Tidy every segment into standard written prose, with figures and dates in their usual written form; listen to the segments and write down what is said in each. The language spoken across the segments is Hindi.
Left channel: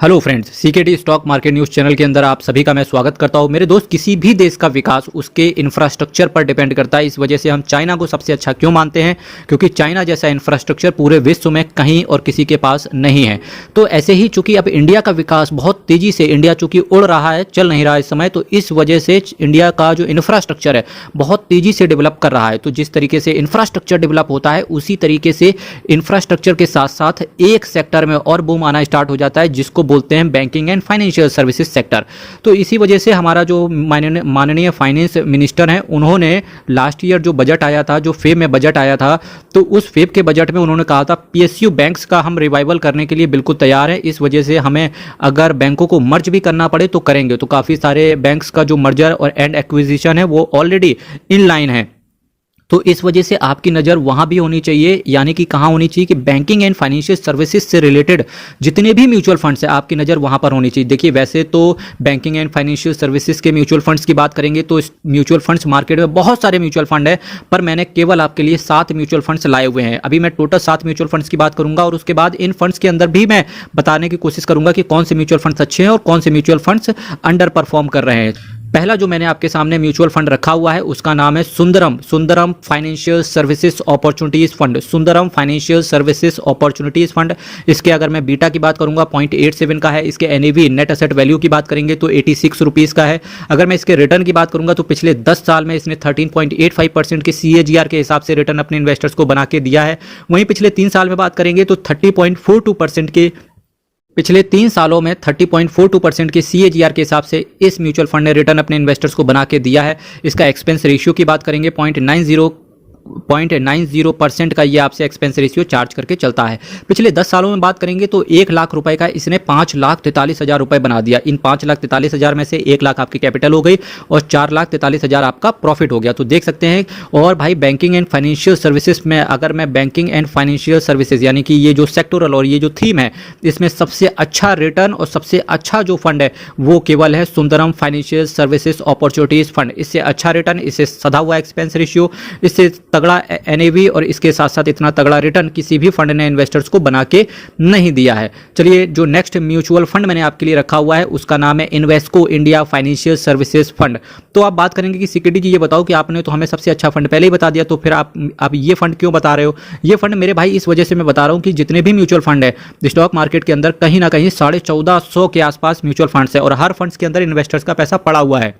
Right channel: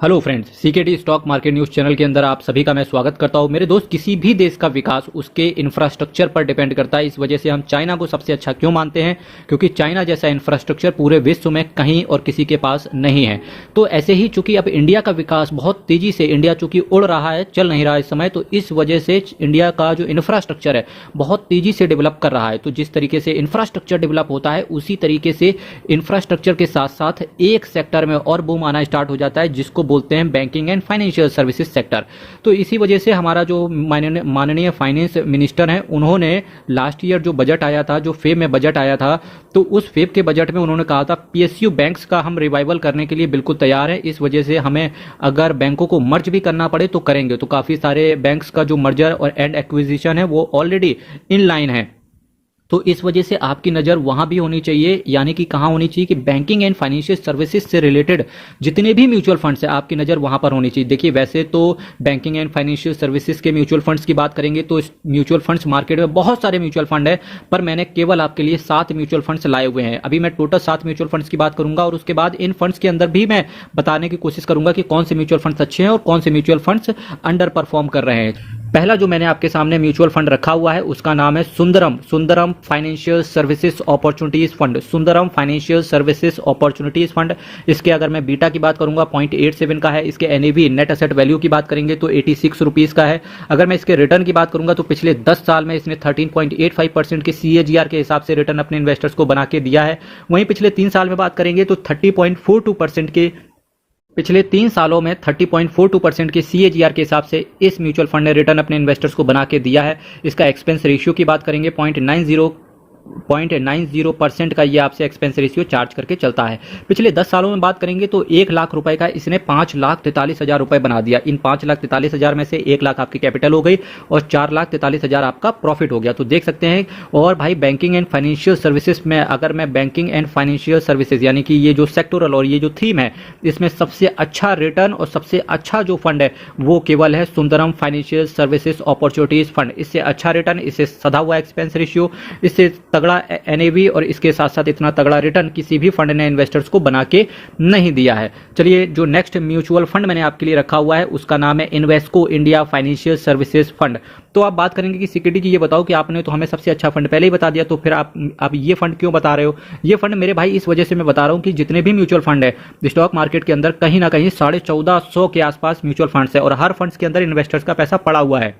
Hello friends, CKD stock market news channel के अंदर आप सभी का मैं स्वागत करता हूं। मेरे दोस्त, किसी भी देश का विकास उसके इंफ्रास्ट्रक्चर पर डिपेंड करता है। इस वजह से हम चाइना को सबसे अच्छा क्यों मानते हैं? क्योंकि चाइना जैसा इंफ्रास्ट्रक्चर पूरे विश्व में कहीं और किसी के पास नहीं है। तो ऐसे ही चूंकि अब इंडिया का विकास बहुत तेजी से, इंडिया चूंकि उड़ रहा है, चल नहीं रहा इस समय, तो इस वजह से इंडिया का जो इंफ्रास्ट्रक्चर है बहुत तेजी से डेवलप कर रहा है। तो जिस तरीके से इंफ्रास्ट्रक्चर डेवलप होता है, उसी तरीके से इंफ्रास्ट्रक्चर के साथ साथ एक सेक्टर में और बूम आना स्टार्ट हो जाता है, जिसको बोलते हैं banking and financial services sector. तो इसी वजह से हमारा जो माननीय फाइनेंस मिनिस्टर हैं, उन्होंने लास्ट ईयर जो बजट आया था, जो फेब में बजट आया था, तो उस फेब के बजट में उन्होंने कहा था पीएसयू बैंक्स का हम रिवाइवल करने के लिए बिल्कुल तैयार है। इस वजह से हमें अगर बैंकों को मर्ज भी करना पड़े तो करेंगे। तो काफ़ी सारे बैंक्स का जो मर्जर और एंड एक्विजिशन है वो ऑलरेडी इन लाइन है। तो इस वजह से आपकी नज़र वहाँ भी होनी चाहिए, यानी कि कहाँ होनी चाहिए कि बैंकिंग एंड फाइनेंशियल सर्विसेज से रिलेटेड जितने भी म्यूचुअल फंड्स हैं, आपकी नज़र वहाँ पर होनी चाहिए। देखिए, वैसे तो बैंकिंग एंड फाइनेंशियल सर्विसेज के म्यूचुअल फंड्स की बात करेंगे तो इस म्यूचुअल फंड्स मार्केट में बहुत सारे म्यूचुअल फंड है, पर मैंने केवल आपके लिए 7 म्यूचुअल फंड्स लाए हुए हैं। अभी मैं टोटल 7 म्यूचुअल फंड्स की बात करूंगा और उसके बाद इन फंड्स के अंदर भी मैं बताने की कोशिश करूंगा कि कौन से म्यूचुअल फंड्स अच्छे हैं और कौन से म्यूचुअल फंड्स अंडर परफॉर्म कर रहे हैं। पहला जो मैंने आपके सामने म्यूचुअल फंड रखा हुआ है उसका नाम है Sundaram financial services opportunities fund. Sundaram financial services opportunities fund. इसके अगर मैं बीटा की बात करूंगा 0.87 का है। इसके एनएवी नेट एसेट वैल्यू की बात करेंगे तो 86 रुपीज़ का है। अगर मैं इसके रिटर्न की बात करूंगा तो पिछले 10 साल में इसने 13.85% के CAGR के हिसाब से रिटर्न अपने इन्वेस्टर्स को बना के दिया है। वहीं पिछले 3 साल में बात करेंगे तो 30.42% के पिछले 3 सालों में 30.42% के CAGR के हिसाब से इस म्यूचुअल फंड ने रिटर्न अपने इन्वेस्टर्स को बना के दिया है। इसका एक्सपेंस रेशियो की बात करेंगे 0.90% का ये आपसे एक्सपेंस रेशियो चार्ज करके चलता है। पिछले 10 सालों में बात करेंगे तो 1 लाख रुपए का इसने 5,43,000 रुपए बना दिया। इन 5,43,000 में से 1 लाख आपकी कैपिटल हो गई और 4,43,000 आपका प्रॉफिट हो गया। तो देख सकते हैं। और भाई, बैंकिंग एंड फाइनेंशियल सर्विसेज में अगर मैं बैंकिंग एंड फाइनेंशियल सर्विसेज यानी कि ये जो सेक्टोरल और ये जो थीम है, इसमें सबसे अच्छा रिटर्न और सबसे अच्छा जो फंड है वो केवल है Sundaram financial services opportunities fund. इससे अच्छा रिटर्न, इससे सधा हुआ एक्सपेंस रेशियो, इससे तगड़ा एनएवी और इसके साथ साथ इतना तगड़ा रिटर्न किसी भी फंड ने इन्वेस्टर्स को बना के नहीं दिया है। चलिए, जो नेक्स्ट म्यूचुअल फंड मैंने आपके लिए रखा हुआ है उसका नाम है Invesco India financial services fund. तो आप बात करेंगे कि सीकेडी जी, ये बताओ कि आपने तो हमें सबसे अच्छा फंड पहले ही बता दिया, तो फिर आप ये फंड क्यों बता रहे हो? ये फंड मेरे भाई इस वजह से मैं बता रहा हूं कि जितने भी म्यूचुअल फंड है स्टॉक मार्केट के अंदर, कहीं ना कहीं 1450 के आसपास म्यूचुअल फंड्स है और हर फंड्स के अंदर इन्वेस्टर्स का पैसा पड़ा हुआ है।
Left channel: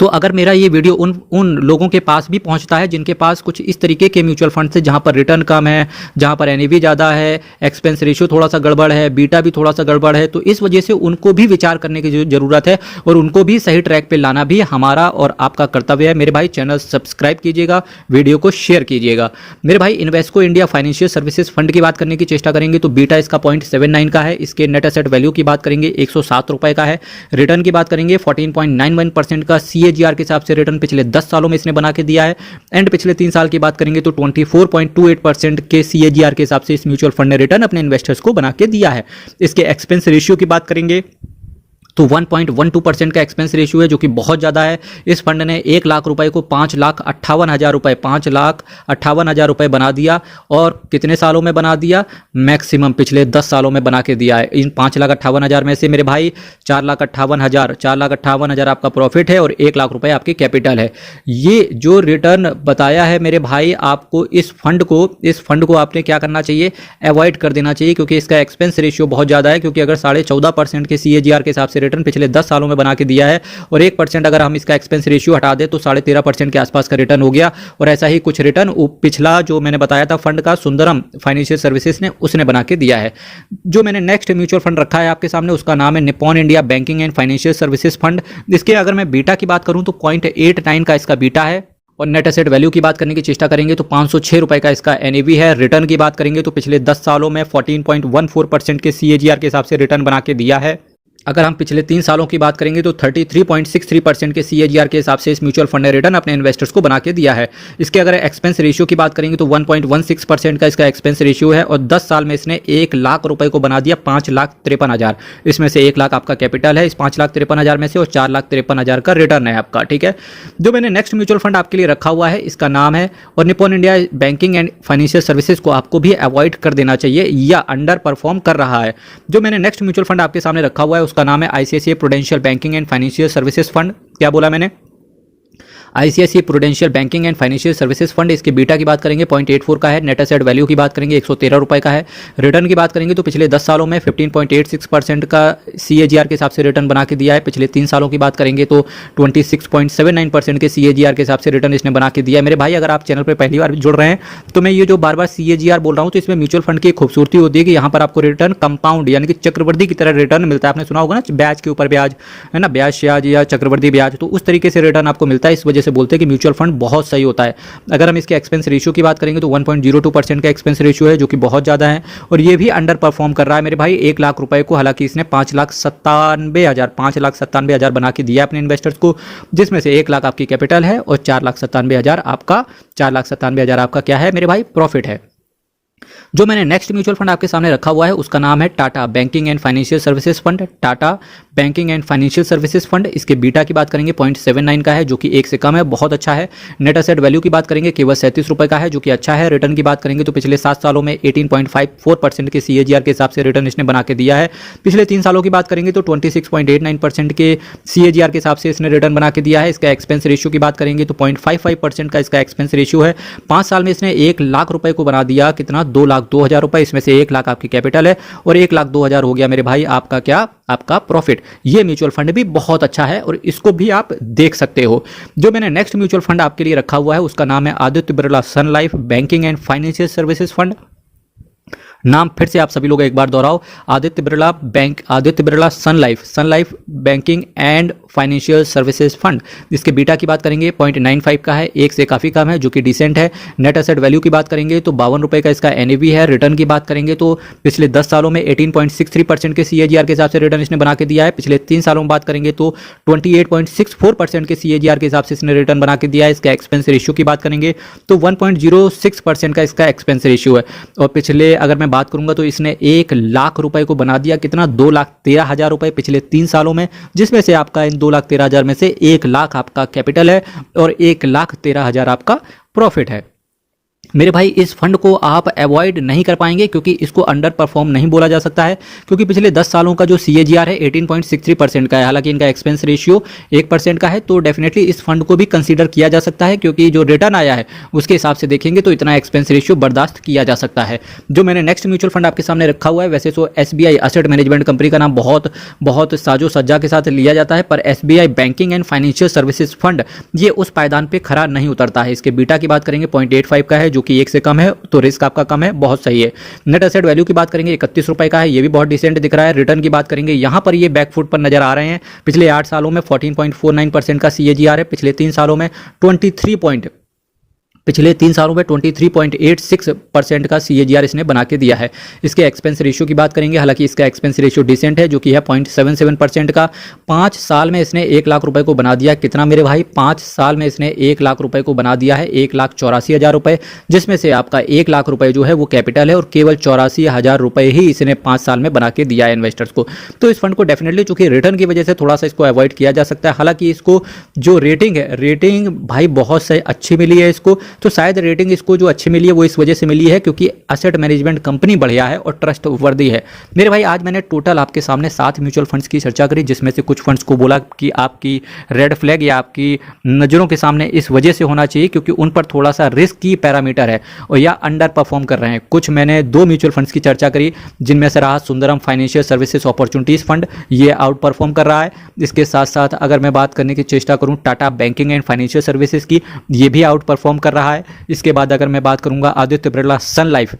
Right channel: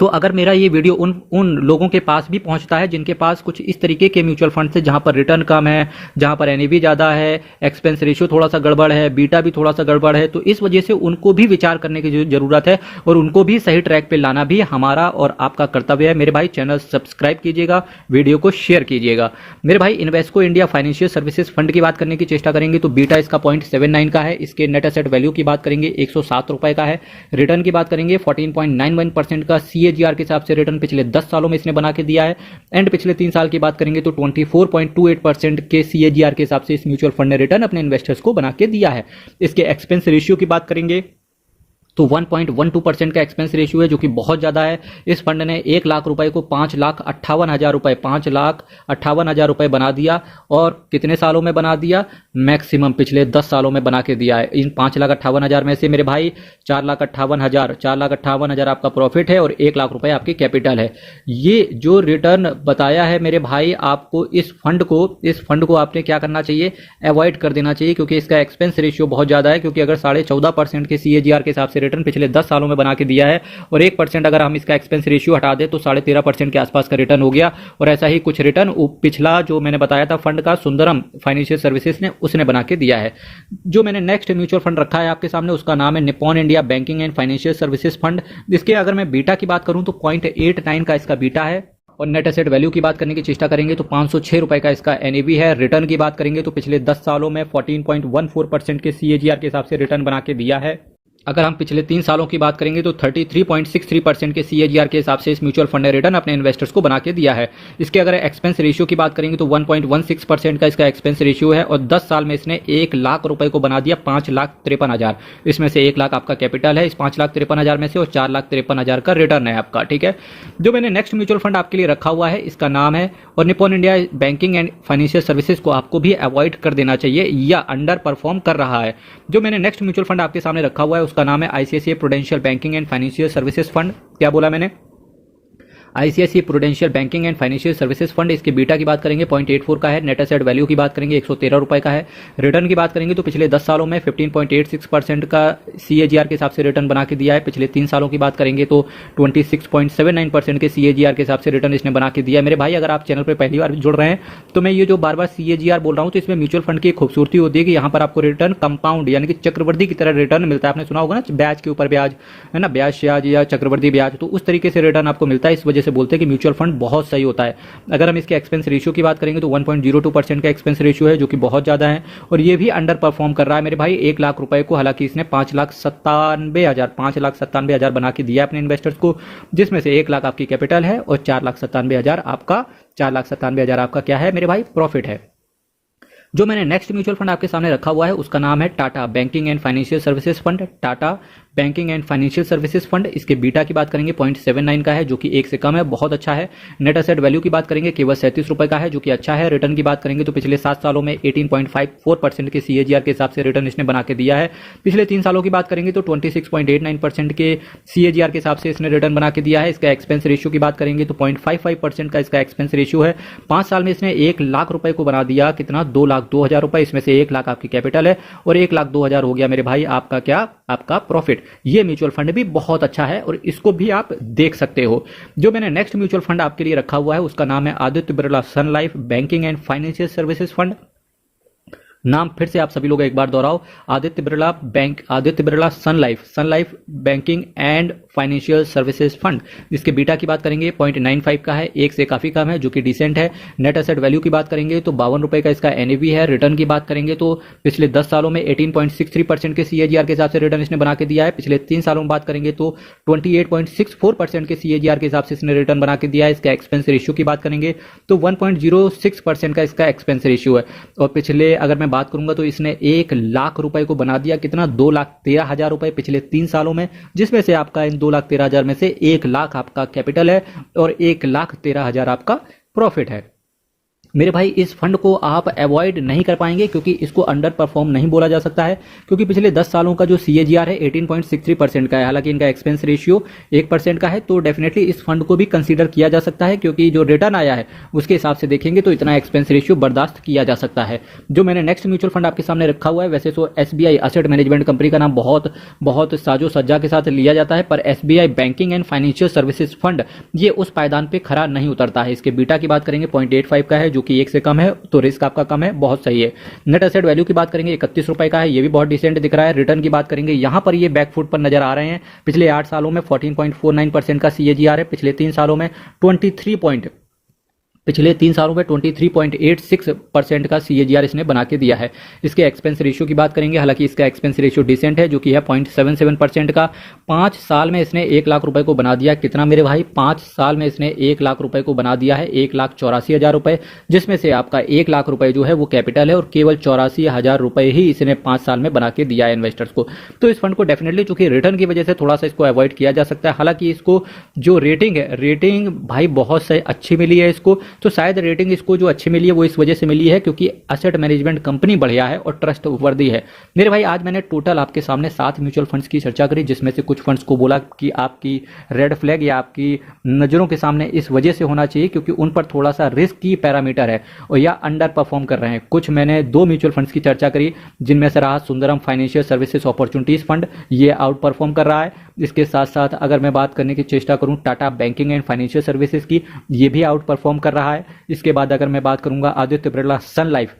तो अगर मेरा ये वीडियो उन लोगों के पास भी पहुंचता है जिनके पास कुछ इस तरीके के म्यूचुअल फंड्स है, जहां पर रिटर्न कम है, जहां पर एनएवी ज़्यादा है, एक्सपेंस रेशियो थोड़ा सा गड़बड़ है, बीटा भी थोड़ा सा गड़बड़ है, तो इस वजह से उनको भी विचार करने की ज़रूरत है और उनको भी सही ट्रैक पे लाना भी हमारा और आपका कर्तव्य है। मेरे भाई, चैनल सब्सक्राइब कीजिएगा, वीडियो को शेयर कीजिएगा। मेरे भाई, Invesco India financial services fund की बात करने की चेष्टा करेंगे तो बीटा इसका 0.79 का है। इसके नेट एसेट वैल्यू की बात करेंगे 107 रुपए का है। रिटर्न की बात करेंगे 14.91% का CAGR के हिसाब से रिटर्न पिछले 10 सालों में इसने बना के दिया है। एंड पिछले 3 साल की बात करेंगे तो 24.28% के CAGR के हिसाब से इस म्यूचुअल फंड ने रिटर्न अपने इन्वेस्टर्स को बना के दिया है। इसके एक्सपेंस रेशियो की बात करेंगे तो 1.12% का एक्सपेंस रेशियो है, जो कि बहुत ज़्यादा है। इस फंड ने 1 लाख रुपए को 5,58,000 रुपए 5,58,000 रुपए बना दिया। और कितने सालों में बना दिया? मैक्सिमम पिछले 10 सालों में बना के दिया है। इन 5,58,000 में से मेरे भाई 4,58,000 आपका प्रॉफिट है और 1 लाख रुपए आपकी कैपिटल है। ये जो रिटर्न बताया है मेरे भाई, आपको इस फंड को आपने क्या करना चाहिए? अवॉइड कर देना चाहिए, क्योंकि इसका एक्सपेंस रेशियो बहुत ज़्यादा है। क्योंकि अगर 14.5% के CAGR के हिसाब से रिटर्न पिछले 10 सालों में बना के दिया है और 1% अगर हम इसका एक्सपेंस रेशियो हटा दें तो 13.5% के आसपास का रिटर्न हो गया। और ऐसा ही कुछ रिटर्न पिछला जो मैंने बताया था फंड का, सुंदरम फाइनेंशियल सर्विसेज ने, उसने बना के दिया है। जो मैंने नेक्स्ट म्यूचुअल फंड रखा है आपके सामने उसका नाम है Nippon India banking and financial services fund. इसके अगर मैं बीटा की बात करूं तो 0.89 का इसका बीटा है। और नेट एसेट वैल्यू की बात करने की चेष्टा करेंगे तो 506 रुपए का इसका एनएवी है। रिटर्न की बात करेंगे तो पिछले 10 सालों में 14.14% के CAGR के हिसाब से रिटर्न बना के दिया है। अगर हम पिछले 3 सालों की बात करेंगे तो 33.63% के CAGR के हिसाब से इस म्यूचुअल फंड ने रिटर्न अपने इन्वेस्टर्स को बना के दिया है। इसके अगर एक्सपेंस रेशियो की बात करेंगे तो 1.16% का इसका एक्सपेंस रेशियो है और 10 साल में इसने 1 लाख रुपए को बना दिया 5,53,000। इसमें से 1 लाख आपका कैपिटल है इस 5,53,000 में से और 4,53,000 का रिटर्न है आपका। ठीक है, जो मैंने नेक्स्ट म्यूचुअल फंड आपके लिए रखा हुआ है इसका नाम है, और Nippon India banking and financial services को आपको भी अवॉइड कर देना चाहिए या अंडर परफॉर्म कर रहा है। जो मैंने नेक्स्ट म्यूचुअल फंड आपके सामने रखा हुआ है उसका नाम है ICICI prudential banking and financial services fund. क्या बोला मैंने? ICICI prudential banking and financial services fund. इसके बीटा की बात करेंगे 0.84 का है, नेट एसेट वैल्यू की बात करेंगे 113 रुपए का है, रिटर्न की बात करेंगे तो पिछले 10 सालों में 15.86% का CAGR के हिसाब से रिटर्न बना के दिया है। पिछले 3 सालों की बात करेंगे तो 26.79% के CAGR के हिसाब से रिटर्न इसने बना के दिया है। मेरे भाई अगर आप चैनल पर पहली बार जुड़ रहे हैं तो मैं ये जो बार बार CAGR बोल रहा हूँ तो इसमें म्यूचुअल फंड की खूबसूरती होती है कि यहाँ पर आपको रिटर्न कंपाउंड यानी कि चक्रवृद्धि की तरह रिटर्न मिलता है। आपने सुना होगा ना ब्याज के ऊपर ब्याज, है ना, ब्याज या चक्रवृद्धि ब्याज, तो उस तरीके से रिटर्न आपको मिलता है। इस वजह से बोलते हैं कि म्यूचुअल फंड बहुत सही होता है। अगर हम इसके एक्सपेंस रेशियो की बात करेंगे तो 1.02% का एक्सपेंस रेशियो है जो कि बहुत ज़्यादा है और ये भी अंडर परफॉर्म कर रहा है मेरे भाई 1 लाख रुपए को। हालांकि इसने 5,97,000 बना के दिया अपने इन्वेस्टर्स को, जिसमें से 1 लाख आपकी कैपिटल है और 4,97,000 आपका क्या है मेरे भाई, प्रॉफिट है। जो मैंने नेक्स्ट म्यूचुअल फंड आपके सामने रखा हुआ है उसका नाम है Tata banking and financial services fund. Tata banking and financial services fund, इसके बीटा की बात करेंगे 0.79 का है जो कि 1 से कम है, बहुत अच्छा है। नेट एसेट वैल्यू की बात करेंगे केवल 37 रुपए का है जो कि अच्छा है। रिटर्न की बात करेंगे तो पिछले 7 सालों में 18.54% के CAGR के हिसाब से रिटर्न इसने बना के दिया है। पिछले 3 सालों की बात करेंगे तो 26.89% के CAGR के हिसाब से इसने रिटर्न बना के दिया है। इसका एक्सपेंस रेशियो की बात करेंगे तो 0.55% का इसका एक्सपेंस रेशियो है। 5 साल में इसने 1 लाख रुपए को बना दिया कितना, 2,02,000 रुपए। इसमें से 1 लाख आपकी कैपिटल है और 1,02,000 हो गया मेरे भाई आपका क्या, आपका प्रॉफिट। ये म्यूचुअल फंड भी बहुत अच्छा है और इसको भी आप देख सकते हो। जो मैंने नेक्स्ट म्यूचुअल फंड आपके लिए रखा हुआ है उसका नाम है Aditya Birla sun life banking and financial services fund. नाम फिर से आप सभी लोग एक बार दोहराओ, Aditya Birla sun life banking and financial services fund. इसके बीटा की बात करेंगे 0.95 का है, 1 से काफ़ी कम है जो कि डिसेंट है। नेट एसेट वैल्यू की बात करेंगे तो 52 रुपए का इसका NAV है। रिटर्न की बात करेंगे तो पिछले 10 सालों में 18.63% के CAGR के हिसाब से रिटर्न इसने बना के दिया है। पिछले 3 सालों में बात करेंगे तो 28.64% के CAGR के हिसाब से इसने रिटर्न बना के दिया है। इसका एक्सपेंस रेशियो की बात करेंगे तो 1.06% का इसका एक्सपेंस रेशियो है। और पिछले अगर मैं बात करूंगा तो इसने 1 लाख रुपए को बना दिया कितना, 2,13,000 रुपए पिछले 3 सालों में, जिसमें से आपका इन 2,13,000 में से 1 लाख आपका कैपिटल है और 1,13,000 आपका प्रॉफिट है। मेरे भाई इस फंड को आप अवॉइड नहीं कर पाएंगे क्योंकि इसको अंडर परफॉर्म नहीं बोला जा सकता है, क्योंकि पिछले 10 सालों का जो CAGR है 18.63% का है। हालांकि इनका एक्सपेंस रेशियो 1% का है, तो डेफिनेटली इस फंड को भी कंसीडर किया जा सकता है क्योंकि जो रिटर्न आया है उसके हिसाब से देखेंगे तो इतना एक्सपेंस रेशियो बर्दाश्त किया जा सकता है। जो मैंने नेक्स्ट म्यूचुअल फंड आपके सामने रखा हुआ है, वैसे तो SBI असेट मैनेजमेंट कंपनी का नाम बहुत साजो सज्जा के साथ लिया जाता है, पर SBI banking and financial services fund ये उस पायदान पर खरा नहीं उतरता है। इसके बीटा की बात करेंगे 0.85 का है जो कि 1 से कम है, तो रिस्क आपका कम है, बहुत सही है। नेट एसेट वैल्यू की बात करेंगे 31 रुपए का है, ये भी बहुत डिसेंट दिख रहा है। रिटर्न की बात करेंगे यहाँ पर ये बैकफुट पर नजर आ रहे हैं। पिछले 8 सालों में 14.49% का CAGR है। पिछले 3 सालों में 23.86% का CAGR इसने बना के दिया है। इसके एक्सपेंस रेशियो की बात करेंगे, हालांकि इसका एक्सपेंस रेशियो डिसेंट है जो कि है 0.77% का। 5 साल में इसने 1 लाख रुपए को बना दिया कितना मेरे भाई, 5 साल में इसने 1 लाख रुपए को बना दिया है 1,84,000 रुपए, जिसमें से आपका 1 लाख रुपए जो है वो कैपिटल है और केवल 84,000 रुपए ही इसने 5 साल में बना के दिया है इन्वेस्टर्स को। तो इस फंड को डेफिनेटली चूंकि रिटर्न की वजह से थोड़ा सा इसको अवॉइड किया जा सकता है। हालांकि इसको जो रेटिंग है, रेटिंग भाई बहुत सही अच्छी मिली है इसको, तो शायद रेटिंग इसको जो अच्छी मिली है वो इस वजह से मिली है क्योंकि असेट मैनेजमेंट कंपनी बढ़िया है और ट्रस्ट वर्दी है। मेरे भाई आज मैंने टोटल आपके सामने 7 म्यूचुअल फंड्स की चर्चा करी, जिसमें से कुछ फंड्स को बोला कि आपकी रेड फ्लैग या आपकी नज़रों के सामने इस वजह से होना चाहिए क्योंकि उन पर थोड़ा सा रिस्क की पैरामीटर है और या अंडर परफॉर्म कर रहे हैं। कुछ मैंने 2 म्यूचुअल फंड्स की चर्चा करी जिनमें से रहा Sundaram financial services opportunities fund, ये आउट परफॉर्म कर रहा है। इसके साथ साथ अगर मैं बात करने की चेष्टा करूं Tata banking and financial services की, ये भी आउट परफॉर्म कर रहा है। इसके बाद अगर मैं बात करूंगा Aditya Birla sun life,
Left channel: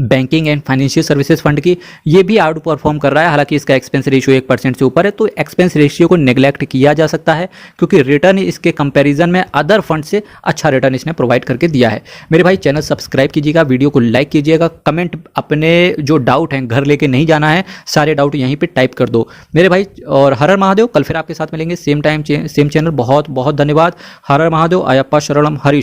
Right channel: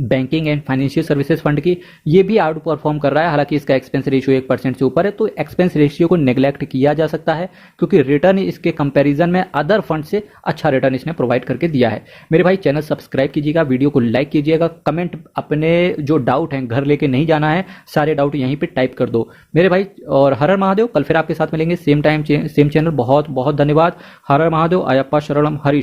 banking and financial services fund की, ये भी आउट परफॉर्म कर रहा है। हालांकि इसका एक्सपेंस रेशियो 1% से ऊपर है, तो एक्सपेंस रेशियो को नेग्लेक्ट किया जा सकता है क्योंकि रिटर्न इसके कंपैरिजन में अदर फंड से अच्छा रिटर्न इसने प्रोवाइड करके दिया है। मेरे भाई चैनल सब्सक्राइब कीजिएगा, वीडियो को लाइक कीजिएगा, कमेंट अपने जो डाउट हैं घर लेके नहीं जाना है, सारे डाउट यहीं पर टाइप कर दो मेरे भाई। और हर हर महादेव, कल फिर आपके साथ मिलेंगे सेम टाइम सेम चैनल। बहुत बहुत धन्यवाद। हर हर महादेव, अयप्पा शरणम हरीश।